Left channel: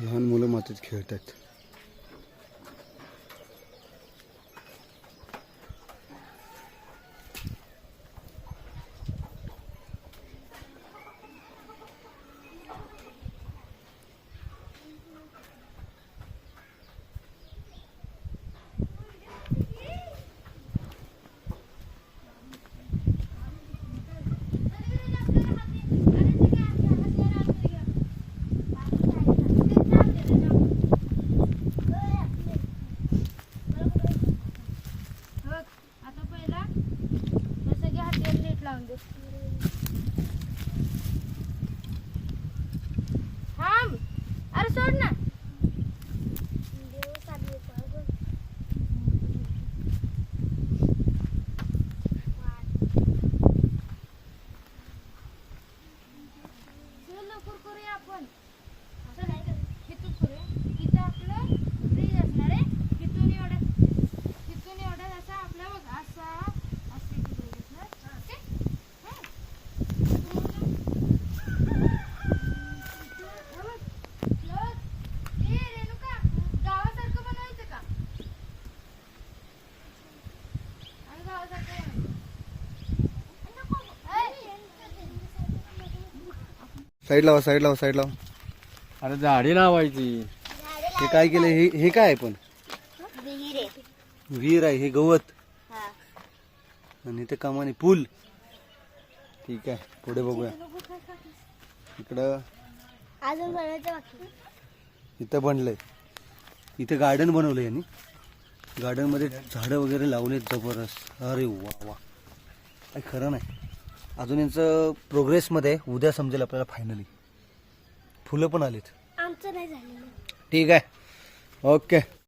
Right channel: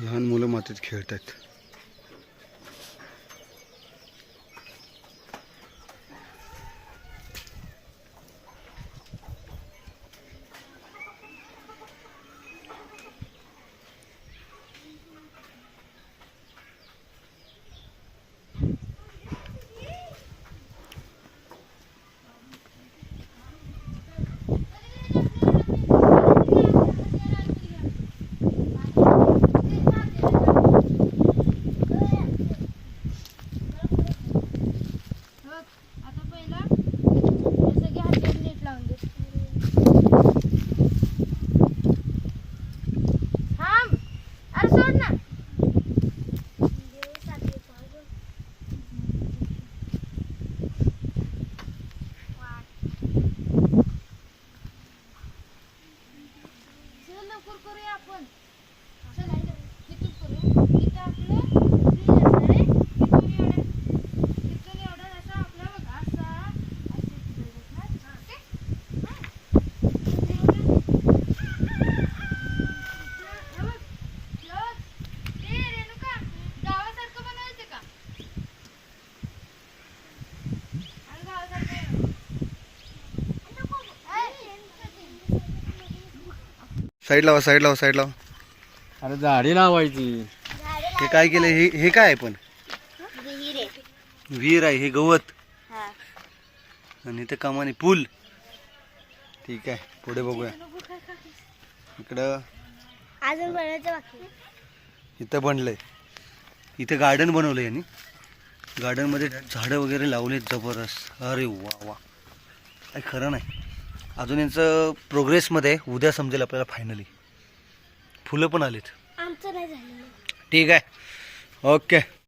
लहान मुलं मातीत खेळतात. साईड लावा, साईड लावा, साईड लावा. अरे झाडी लावायची. हे काय केलं? हे काय आहे? पण विहीर आहे, हे गवत आणि ते कमानी पूल. ठीक आहे, पुढे बघूया. इकडं इथं बनलंय, इथे गार्डन बनवलंय यांनी. गार्डन मध्ये झाडं वगैरे लावलेत जबरदस्त. अरे वा वा, काही खरं नाही. अजून यांचं प्रोग्रेसमध्ये, उद्या समजेल आपल्याला फायनली. फुलं पण आलेत. ठीक आहे, ओके.